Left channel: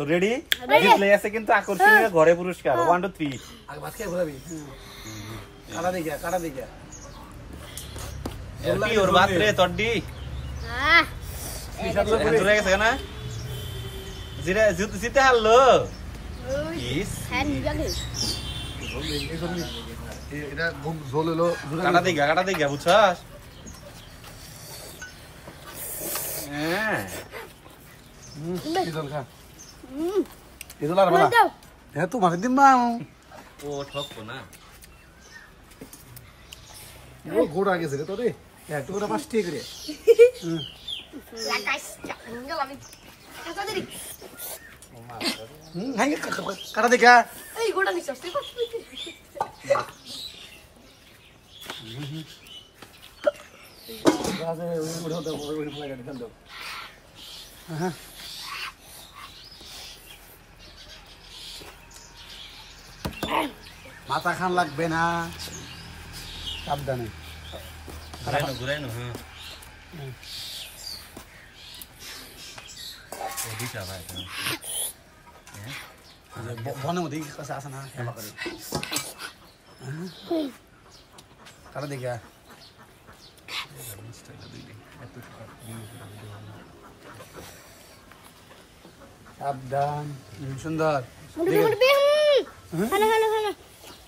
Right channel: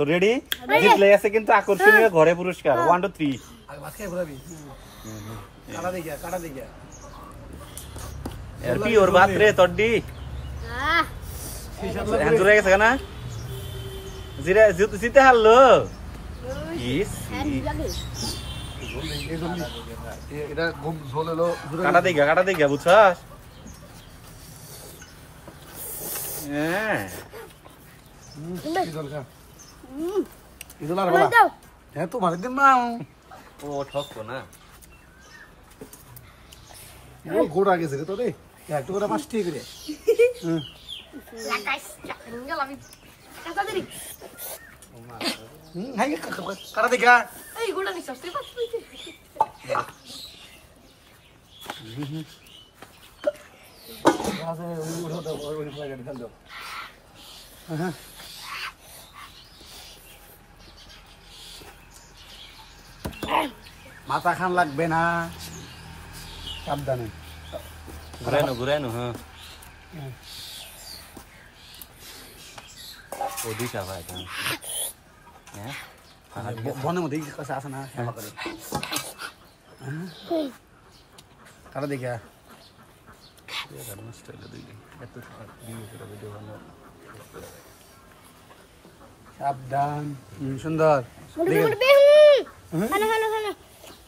so ready display আছে কিন্তু আকর্ষণীয় ঘরে পুরস্কার 1 2 3 আগে বাকি ঘোরাবি কাটা দিগা এলপি ওর বাতরে তড্ডি দূরে গেছে না জিরা জিতে হারলো ইস এটা গম ঝোল হলো কাটা দিগা বুঝছস কি ঝোল খা এটা লাগা দাও এ তো মাখ দিন মাও ও ঠকতো না ও গোড়া গেছে রে তো রে একটু করে পাঁচ ঠিক রে লাগাইস আমি কাটা দিই হাই কাটা দেখা এই গোড়া নিছস তুই কষ্ট মাথা খান লাগবে না সাবধানে ঘুরাইনো হ্যাঁ ও দিশা ভাই হ্যাঁ বনের মধ্যে কাছে আসে না কাটা দেখা সাবধান সুন্দর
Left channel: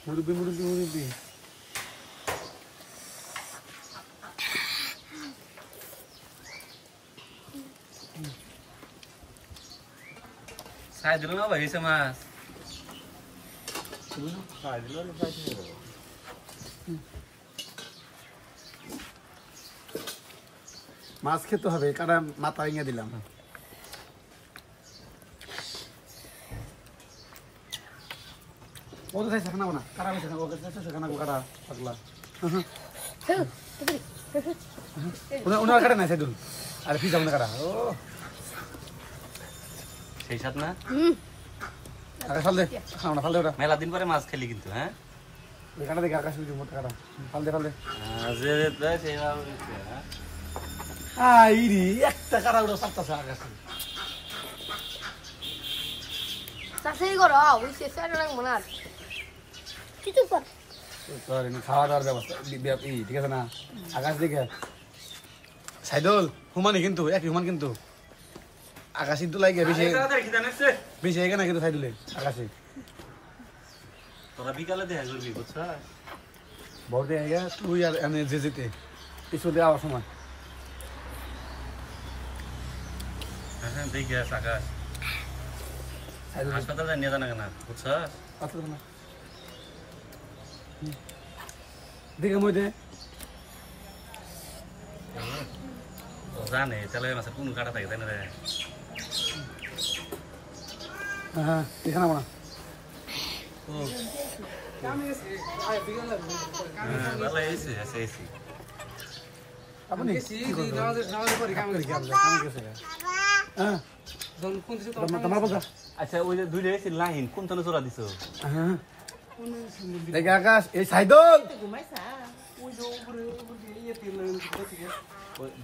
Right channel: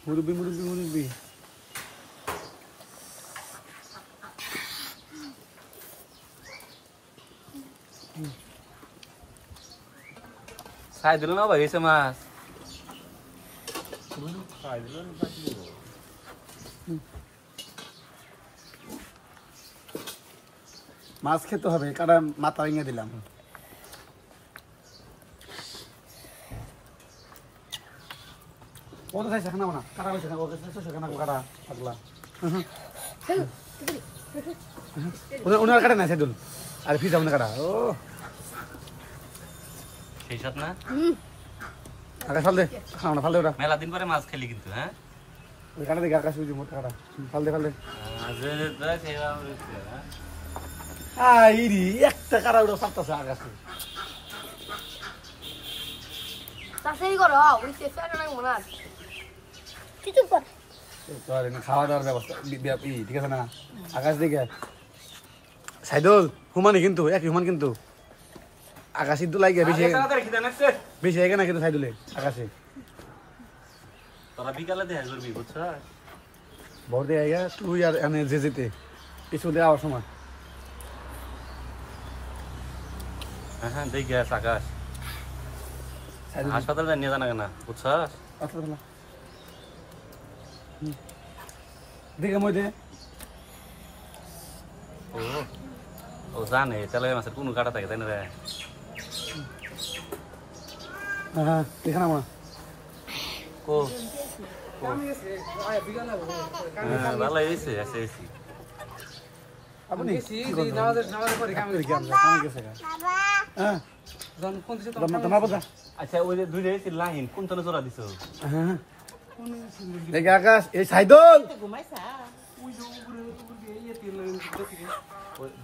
মুরব্বি সাই দিল না ভাই এসে মাছ মাছ খেতে হবে কাটা মাথা ভেঙে দিলাম ও তো চাইছে খানা না কাটা বেছে না ও কাছে সেখানে কাটা পাতলা উনার কাটে না সেদিন আর ফিজ আমাদের কাটা ও সেই সাথ না আকাশ ফাল দে খাও না ফাল দে ওটা মেলা দিন পরে মাছ খেলি কিন্তু হ্যাঁ কাটা দেখে আকাশ উঠি মোটা কাটা ফাল দে আইরি একটা কাটা উঠো সাতটা আকাশে সাসেই করো ওই শেষে না মনে কিছু কর তোর খাওয়া দাওয়ার ব্যবস্থা ঠিক আছে না আকাশ দেখে সাইদুল হুমানি কিন্তু এক হুমান কিন্তু আকাশি তো লাগে বেশি আগে না কিন্তু সাইদুলে আকাশে তোরা বিকালে দেখা করবি বুঝছ ভোর দিয়ে আইয়া তুই আর এনে যে যেতে কিছু দেওয়ার সময় হ্যাঁ দেখি আকাশ হাসপাতালে নিয়ে জানা না বুঝছ দেখে মধ্যে ও জানে তাহলে মাছের কোনো কাটা থাকে তাই না রে হ্যাঁ দেখে না আমার ও হ্যাঁ ভালো এসে আছে এসি আপনি নামাজের পরে কাম করি কেন হ্যাঁ কোন দিছে তোমার বাবা আচ্ছা ওই যে দুইটা এসি লাইন কোন তলে জোড়া দিছো হ্যাঁ দেখে আকাশ এই সাইদুল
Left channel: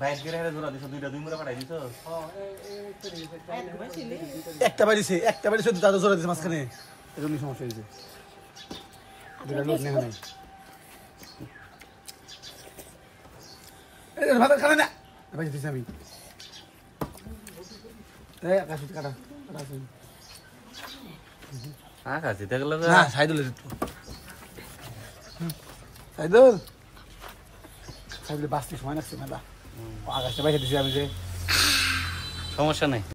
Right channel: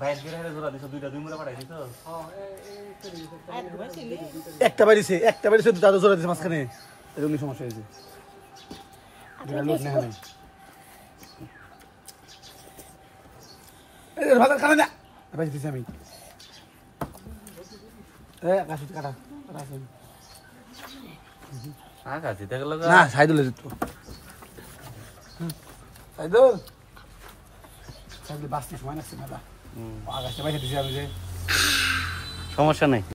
বাইরে গিয়ে জোড়া দিছো দুইটা দুই মুড়া পাঠাই দিছো একটা বাড়িছে দাদু জোড়া দিছে মাঝখানে এরকম সমস্যা হয়েছে ভালো খানে না বাড়ি দিছি আমি আকাশ কাটা আকাশ দিতে গেল না সাইদুল সাইদুল বাঁচতে সময় লাগছে না আকাশটা বাইরে দিছি আমি যে সমস্যা নেই